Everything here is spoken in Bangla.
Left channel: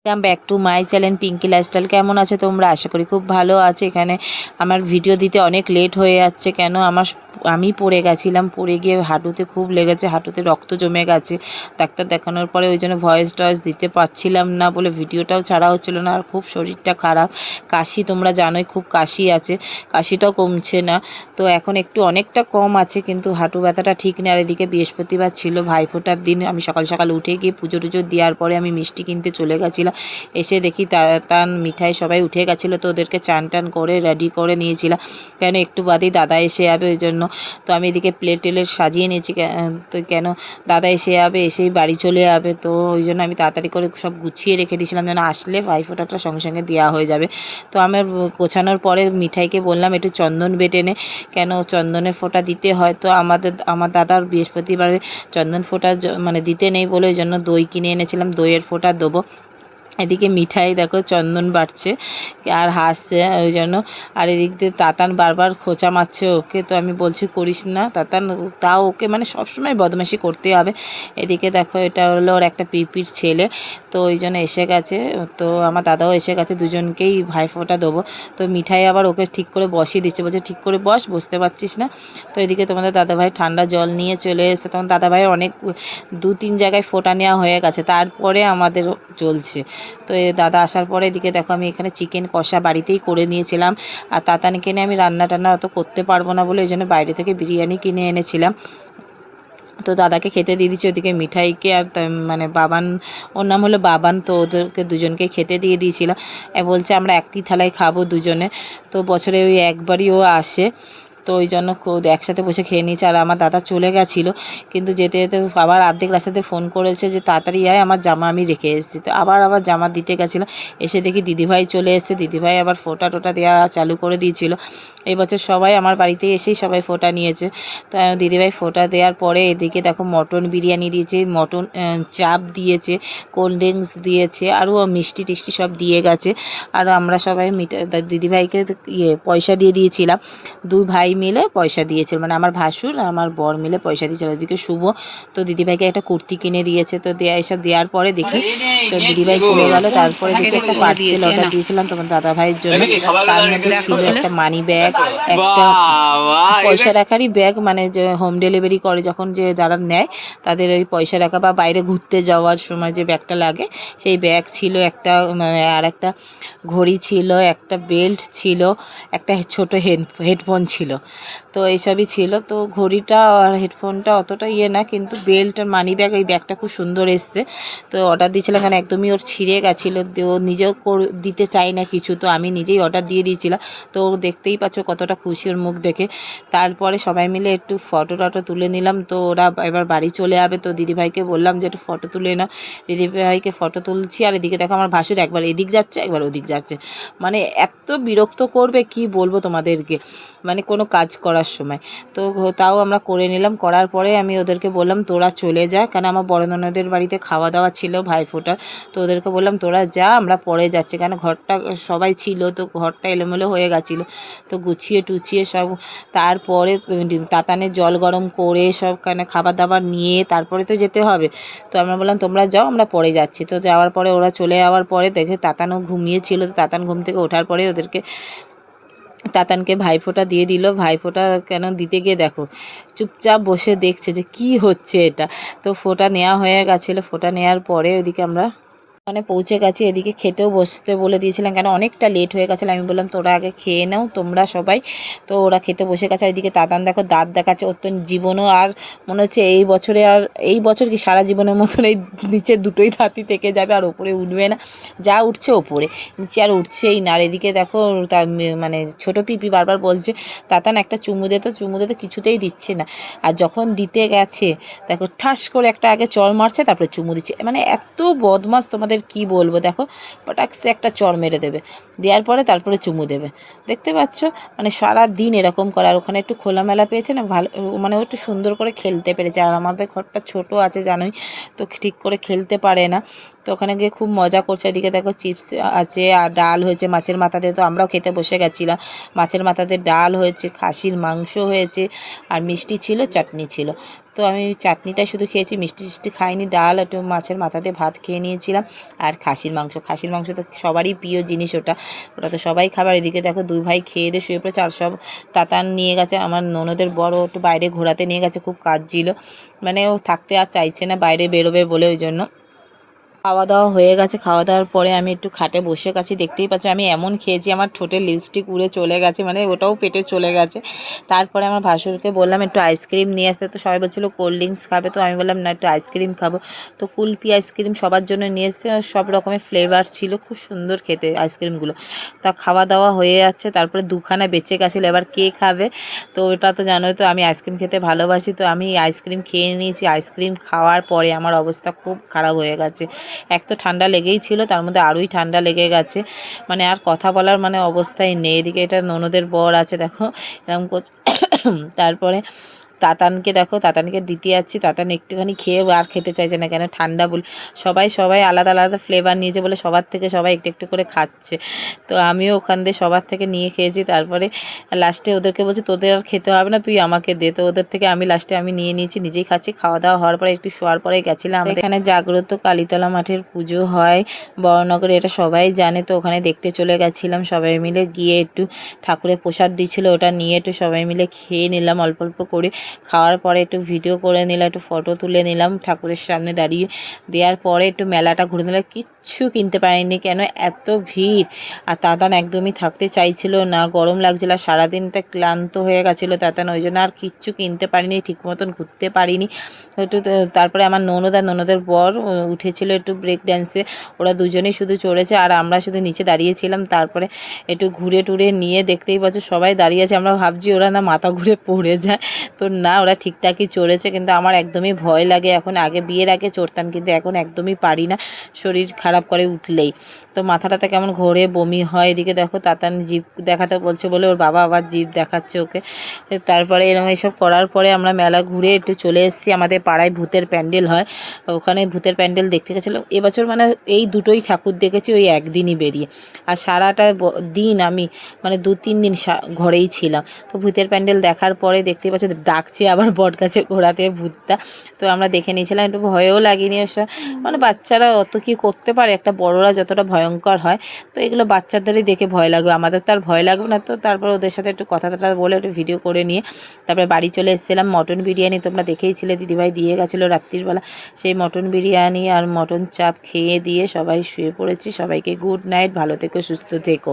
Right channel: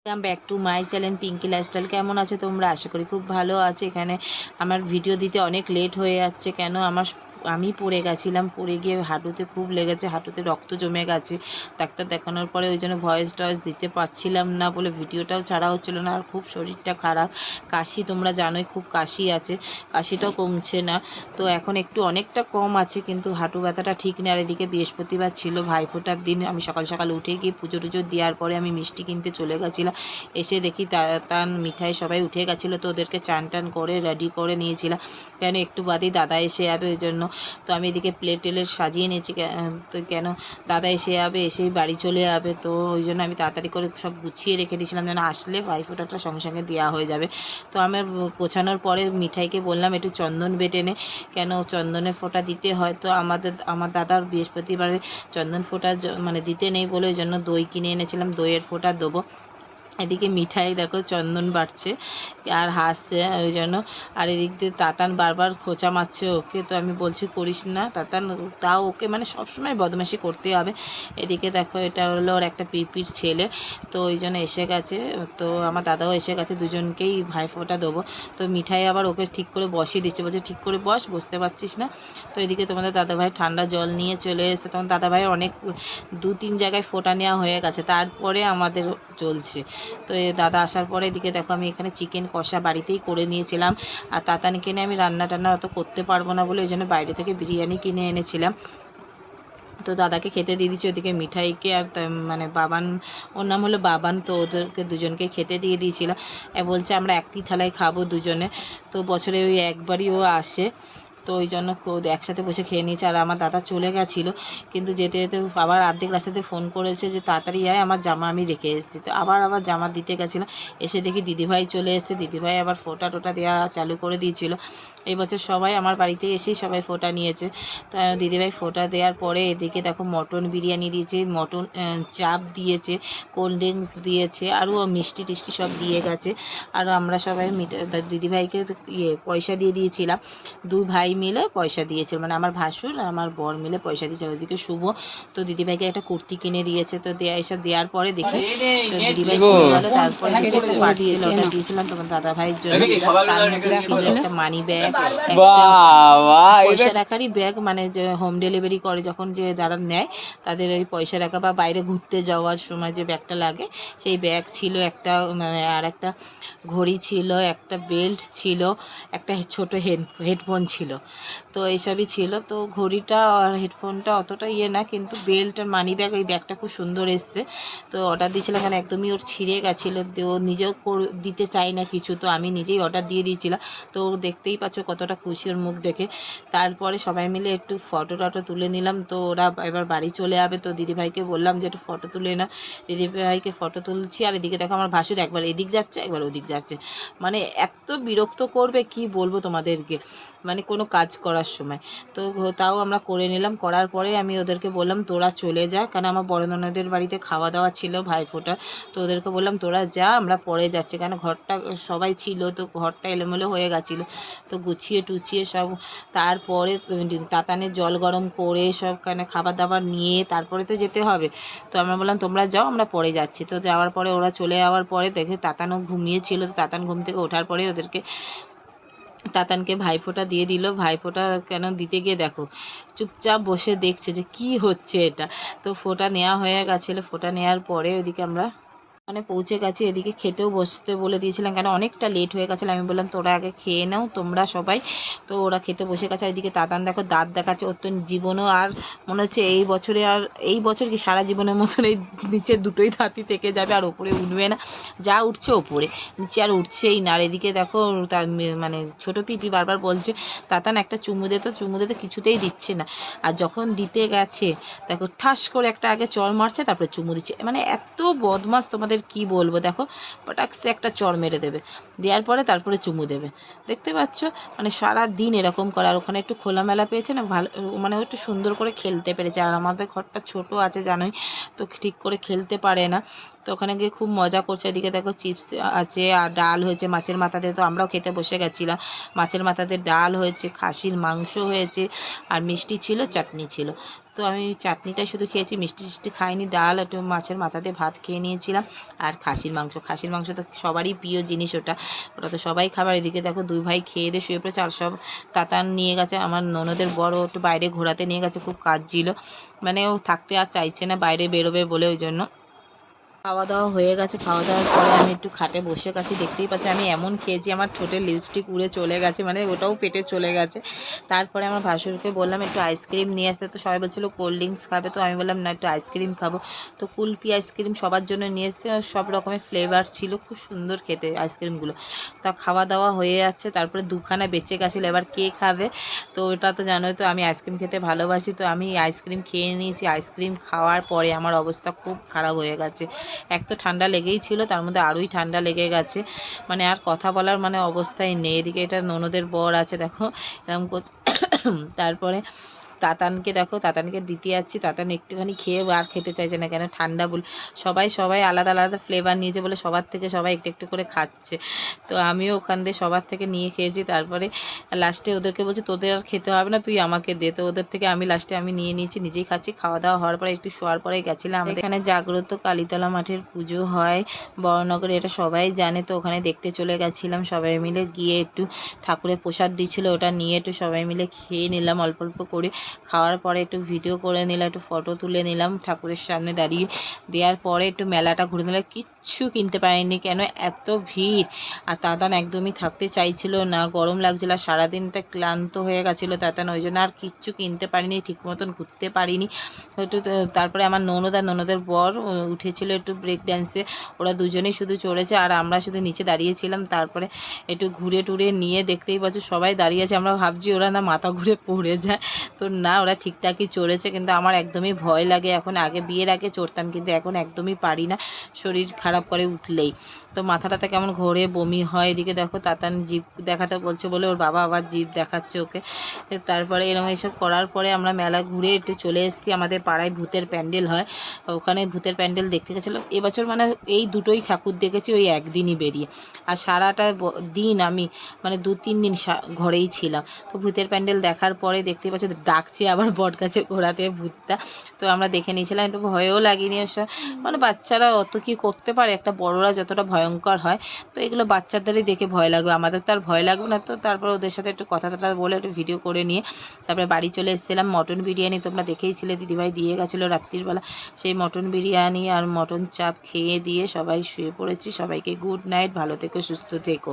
Welcome back to my channel Pinki lifestyle. কেমন আছে তোমরা? আশা করি খুব ভালো আছে। এখানে আমার ভিডিও দিতে অনেক লেট হয়ে যাচ্ছে, কেন আমি পড়ে গেছিলাম, পড়ে গিয়ে হাঁটুতে খুব লেগেছে, হাঁটুতে রক্ত জমে গেছে। ডাক্তার দেখানোর পরে ওই জন্য ভয়েস দিতে পারছিলাম না বলে ভিডিওটাও ছাড়া হচ্ছিল না। আর খুব শরীরটা খারাপ, কাশি, তোমরা জানোই খুব কাশি আছে, কাশিটাও কমছে না। তো এখন একটু অনেকটা কম আছে, কিন্তু হাঁটু ব্যথাটা ঠিক নেই। আর এদিকে বৃহস্পতিবার ছিল, ভাইফোঁটার দিন। আমি সকাল সকাল উঠে গিয়ে পুজো টুজো দেওয়ার পরে আমি মিষ্টি কিনতে চলে গেছিলাম। এসে দেখি তাতান মিঠাই সবাই উঠে গেছিলো, তো ওদেরকে চান টান করে রেডি করে নিয়েছিলাম, কেন একটু বাদেই দাদা এসে যাবে ওই জন্য। তো আমি এদিকে প্লেট সাজিয়ে নিয়েছি, তো কেন দাদা এসে যাবে, এসেই বাড়ি চলে যাবে, তো ওই জন্য আমি তাড়াতাড়ি করে সব গুছিয়ে রেখে দিয়েছিলাম যেন আসলে ভাইফোঁটাটা সঙ্গে সঙ্গে দেওয়া হয়ে যাবে। তো আমার গোছানোর পরে মিঠাইকে বললাম একটু চন্দন বেটে নে, কেন চন্দনের ফোঁটা দিতে হয়। তো আমার দাদার বৃহস্পতিবারে চন্দন ফোঁটা মানে দিতে নেই বলে ওই জন্য দই কিনে এনেছিলাম, দইয়ের ফোঁটা দেবো। এদিকে মিঠাই দেখো চন্দন বাটছে আর হাসছে ওই জন্য। আর এদিক দিয়ে তাতান বারবার খোঁচা মারছে ওকে, তো আমি বলছি করিস না তাতান, তাও ওকে মানে সবসময় বদমাশি করতে হবে। এদিকে দেখো এটা হলো ওর একটা পিপির ছেলে, তো ওই জন্য এসে গেছে। তো আমার দাদাও এসে গেছে, দুজনকেই ভাইফোঁটা দেবো। তো মিঠাই আবার ওকে ঠিক করে বসিয়ে দিচ্ছে, বলছে ঠিক করে বসতে পারছিস না। তো এদিকে তোমাদের দাদাভাই ঠান্ডা জল নিয়ে চলে এসে, তখন দাদাভাই অনেক 2-3 জায়গায় ফোঁটা নেওয়া হয়ে গেছে, তারপরে আমাদের চলছে। তো দাদা আসার পরে এদিকে দেখো আমি এখানে চিকেন কষা বাড়িতেই করে নিয়েছিলাম। আর তাতানকে নিয়ে আমি রান্না টান্না অত করতে পারবো না বলে ওই জন্য বাইরে থেকে বিরিয়ানি কিনে এনেছিলাম। তো দাদাকে খেতে দিয়ে দিচ্ছি, ওদিকে মিঠাইকে আর মানে বাবান, ওর নাম হলো বাবান, তো ওদেরকে দুজনকে খেতে দিয়ে দিয়েছিলাম। বলছে আমরা একই থালায় খাবো দুজনে, তো বছরে ওই একবারই ও আসে, তো ওই জন্য একসাথে বসে খেয়ে নিয়েছে। আর আমার দাদা চলে গেছিলো, কিন্তু যেতে যেতে আবার অর্ধেক রাস্তাতে ফোন করেছে যে তাড়াতাড়ি আয়, আমার জামা আমি রেখে এসেছি। তো আবার জামা দিতে গেছিলো, এসে দেখি দিদিভাই চলে এসেছে, দিদিভাই আবার ফোঁটা টোটা দেওয়া চালু করে দিয়েছিল। এই বছর সবাই আমার বাড়িতে এসেই সবাই ফোঁটা নিয়েছে। তো দিদিভাই ফোঁটা দেওয়ার পরে এদিকে দেখো মটন বিরিয়ানি দিয়েছে, মটন চাপ দিয়েছে, কোল্ড ড্রিঙ্কস দিয়েছে, আরও মিষ্টি টিষ্টি সব দিয়ে গেছে। আর আমরা সবাই দিদিভাইকে পয়সা দিয়ে দিয়েছিলাম, 2 ভাই মিলে পয়সা দিয়েছিল, মানে আমার ভাসুর আর আমার বর মিলে পয়সা দিয়েছিল। ওদিকে শুভ তো দিদিভাইকে একটা কুর্তি কিনে দিয়েছে। তো এসব দেওয়ার পরে দেখি তো দিদিভাই চলে গেল। তারপরে দেখি একটা পার্সেল অর্ডার দিয়েছিলাম তোমার দাদা ভাইয়ের জন্য, তার মধ্যে ছিল একটা মানি ব্যাগ, একটা পয়সা রাখারই ব্যাগ, মানে যে হোম ডেলিভারি করে যখন, যে যারা নেয় তাদের ওই পয়সা রাখা বা বাইরে ঘুরতে যাওয়ার সময় যে ব্যাগটা লাগে, সেই ব্যাগ ছিল একটা, মানে আর একটা ঘড়ি ছিল, একটা বেল্ট ছিল, একটা ছোটো হেডফোন ছিল। তো এইসবই ছিল। তো ঘড়িটা আর হেডফোনটা অতটা না, কিন্তু বেল্ট আর মানি ব্যাগ, এই ব্যাগটা খুব সুন্দর এসছে। তো অর্ডার দিয়েছিলাম, কারণ একদমই ওর ছিঁড়ে গেছিলো, ও নিজেও দিতে চায় না কিছু, তো আমি নিজেই অর্ডার দিয়ে দিয়েছিলাম। তো দেখতেই পাচ্ছ কতটা খুশি ওর মুখ দেখে। তারপরে সবাই মিলে একটু ফটো টটো তুলে নিলাম। তো ওরা এবার বাড়ি চলে যাবে, তো দিদিভাইকে বললাম যে একটু ফটো তুলে না, দিদিভাইকে ফটো তুলছি। আর এদিকে দেখো আমার ভাসুর একবার এদিক যাচ্ছে একবার ওদিক যাচ্ছে, মানে এত বিরক্ত করবে কি বলবো তোমাদেরকে, মানে কোনো কাজ করার সময়। তো তাও আমরা করে নিলাম, করার পরে আমি ওদেরকে বললাম তোরা চলে যা, কারণ আমার বড় ননদের বাড়িতে খাওয়া দাওয়া ছিল ভাইফোঁটার। তো ওদেরকে বললাম তোরা যা, আমরা পরে যাচ্ছি, কারণ ঘরটা সবাই ছিল, তো ঘরটা এলোমেলো হয়ে গেছিলো। তো গুছিয়ে টুছিয়ে সব, তারপরে তাতানের জল গরম করে সব খাবার দাবার নিয়ে তারপরে তো যেতে হবে। তো আমরা বললাম তোমরা যাও, আমরা পরে যাচ্ছি। তো যাওয়ার পরে ওরা চলে যাওয়ার পরে দেখে তাতানও ঘুমিয়েছিল, তো তাতান ঘুম থেকে ওঠার পরে তাতানকে ভাইফোঁটা দিয়ে দিল। ভাইফোঁটা কেন দিতে গিয়ে দেখো চুপচাপ বসে দেখছে যে কি হচ্ছে এটা। তো ফোঁটা নেওয়া হয়ে গেছিলো, ফোঁটা নেওয়ার পরে ওইদিকে আমরা মানে পৌঁছে গেছি। এদিকে খেতেও বসতে বলে দিয়েছিলাম, কেন অনেকটা লেট হয়ে গেছিলো। আমি বললাম তোরা আগে খেয়ে নাও তোমরা সবাই। তো ওরা খেতে বসে গেছে। আর এদিকে তাতান দেখো দাঁত দেখাচ্ছে, ওর তো জীবনও আর মনে হচ্ছে এই বছরে, আর এই বছর কি সারা জীবনের মতন এই নিচে দুটোই দাঁতই থেকে যাবে, আর ওপরে উঠবে না, যা উঠছে ওপরে, নিচে আর উঠছেই না। আর এদিকে দেখো তার মানে ছোটো পিপি বারবার বলছে তাতান একটা চুমু দে, তো চুমু দে, তো কিছুতেই দিচ্ছে না। আর যখন দিতে গেছে দেখো ঠাস করে একটা আগে চড় মারছে, তারপরে চুমু দিচ্ছে, মানে এত বদমাস তোমাদের কি বলবো। দেখো পটাক্সে একটা চড় মেরে দেবে, দেওয়ার পরে তারপরে চুমু দেবে, দেখতে পাচ্ছ, মানে সারা দিন এরকম করে। আর ওখানে একটু খোলামেলা পেয়েছে না, ভালো, মানে ও একটু সুন্দর করে খেলতে পেরেছে। আর আমাদের ঘরটা ছোট আছে জানোই, তো ঠিক করে খেলতে পারে না। তো ওখানে গিয়ে খুব মজা করছে। এদিকে দেখো চিপস আছে আর ডাল হয়েছে মাছের মাথা দিয়ে, তো আমরাও খেতে বসে গেছিলাম। মাছের মাথা দিয়ে ডাল হয়েছে, খাসির মাংস হয়েছে, আর মিষ্টি ছিল, চাটনি ছিল। তো আমি চাটনিটাই শুধু খেয়েছি, মিষ্টি টিষ্টি খাইনি। ডাল একটু মাছের মাথা দিয়ে ভাত খেয়ে নিয়েছিলাম, আর খাসির মাংস তো সবারই প্রিয় জিনিস, ওটা ওটা তো সবাই খাবার। এদিকে দেখো দুই ভাই খেয়ে দিয়ে শুয়ে পড়েছে, আর সব তাতান নিয়ে গেছে আমার ননদের বড়, একটু বাইরে ঘোরাতে নিয়ে গেছে, খুব কাজ ছিল, মানে ও থাকতে আর চাইছে না, বাইরে বেরোবে বলে, ওই জন্য। খাওয়া দাওয়া হয়ে গেছে, খাওয়া দাওয়ার পরে আমি একটু খাটে বসে গেছি। দেখতেই পাচ্ছি আমি এমন খেয়েছি, আমার ঠোঁটের লিপস্টিক উড়ে চলে গেছে, মানে ওটাও পেটে চলে গেছে। তারপরে আমার ভাসুরকে বললাম একটু আইসক্রিম নিয়ে আসতে, তো সবাই বলছিলো কোল্ড ড্রিঙ্কস খাবে, তো আমি বললাম না, একটু আইসক্রিম খাবো। তো কুলপি আইসক্রিম সবার জন্য নিয়ে এসেছে, সব রকমের ফ্লেভার ছিল, খুব সুন্দর খেতে আইসক্রিমগুলো। তা খাওয়া দাওয়া হয়ে যাচ্ছে, তারপরে দুখানা বেঁচে গেছিলো, এবার কে খাবে? তো ওটা তো জানোই তো আমি আইসক্রিম খেতে ভালোবাসি, তো আমি আইসক্রিম খেয়ে নিয়েছি। আইসক্রিম খাওয়ার পরে আমার অবস্থা খুব খারাপ হয়ে গেছে। এক তো ঠান্ডা লেগেই ছিল, তার মধ্যে আরোই ঠান্ডা লেগে গেছে, মানে আর কথা বলার মানে অবস্থাই নেই। এদিকে এটা ননদের বর আছে, দেখো এরকম করছে। তারপরে তাতানকে দিতে যাচ্ছি, তাতান একটুখানি খেয়ে আর খেতে চাইছে না, কেন ঠান্ডা বল। সবাই আলাদা আলাদা ফ্লেভার নিয়েছে বলে সবার থেকে সবাই একটু একটু করে খাচ্ছে। তো আমিও ওখান দিয়ে সবার থেকে নিয়ে খেয়েছি। তারপরে লাস্টে ওদেরকে বলছি তোদের আর খেতে হবে না, তুই আমাকে দে। তো ওদের থেকে লাস্টে আমি নিয়ে নিয়েছি, নিজেই খাচ্ছি। খাওয়া দাওয়া হওয়ার পরে একটু শোয়ার পরে গেছিলাম আমাদের এখানে জাগ্রত কালীতলা মাঠের পুজো হয় বড়নগরে, এটা সবাই জানে। তো ওখানে দেখতে চলে গেছিলাম, সবাই মিলে গিয়ে একটু ঠাকুরের প্রসাদ দিচ্ছিলো, ওটা নিয়ে একটু সবাই মিলে খেয়ে নিলাম অল্প অল্প করে। খাওয়ার পরে একটু ভিডিও করে নিলাম, একটু ফটো তুলে নিলাম ঠাকুরের সামনে দাঁড়িয়ে। দেওয়ার পরে একটু মেলাটা ঘুরে নিলাম, কিচ্ছু কিনতে পারিনি, কেন এত ভিড়। আর তাতান একদমই থাকতে চাইছিল না, গরম লাগছিল, আর সারাদিনটা ক্লান্ত হয়ে গেছিলো তাতান, ওই জন্য আর কিচ্ছু কিনতে পারিনি, ঠিক মতন ঘুরতে পারিনি একটু। তারপরে আমার ননদের বর উঠেছিল একটু ব্রেক ড্যান্সে, ওরা দুজনেই শুধু চড়েছে, আর আমরা শুধু নিচে দাঁড়িয়েছিলাম। তারপরে একটু ঘুরে টুরে নিয়ে, দেখতেই পাচ্ছ সবাই দাঁড়িয়ে আছে, আমরা ভাবছি ওরা না মাথা ঘুরে পড়ে যায়, তো না, ওরা ঠিকঠাকই চড়েছে। কিন্তু আমার একদমই ভয় লাগে এখন, বিয়ের আগে চড়তাম, কিন্তু এখন একদমই পারি না, শরীর খারাপ করে উঠলেই। তো মাথাটাতে কেমন ঘোরে, বমি হয়। এদিকে দেখো তাতান জিভ দেখাতে বলছে বলে ওর বাবা আবার জিভ দেখাচ্ছে ওকে। তারপরে এরকম এইসব করার পরে আমরা মেলা ঘুরে একটু চলে এসেছি। আমাদের পাড়ায় ভূতের প্যান্ডেল হয়, ওখানে ভূতের প্যান্ডেল দেখতে গেছিলাম। এবছর মানে এই দুটোই ঠাকুর দেখেছি ওই একদিনই বেরিয়ে, আর সারাটা দিন আমি মানে 2-3 দিন ঘরেই ছিলাম। তো ভূতের প্যান্ডেল দেখার পরে দেখতেই পাচ্ছি ডাকছে আবার বট গাছের গোড়াতে ভূতটা। তো আমরা দেখে নিয়েছিলাম, একটু ভয়ও লাগেনি ওসব, মানে বাচ্চারা অত কি করতে পারে, একটা বড়রা যতটা ভয়ঙ্কর হয়, তো এগুলো বাচ্চাদেরই দেখে ভয় লাগবে, আমাদের তো আর ভয় লাগবে না। তো তারপর ওদের সাথে একটু কথা বলে একটু ভিডিও করে নিয়ে তারপরে বাড়ি চলে এসেছিলাম। মটন বিরিয়ানি তোমরা দেখেইছিলে, দিদিভাই দিয়ে গেছিলো রাত্রিবেলা, সেই মটন বিরিয়ানি আর মটন চাপ খেয়ে দিয়ে সবাই শুয়ে পড়েছি। সবাইকে গুড নাইট, ভালো থেকো, সুস্থ থেকো।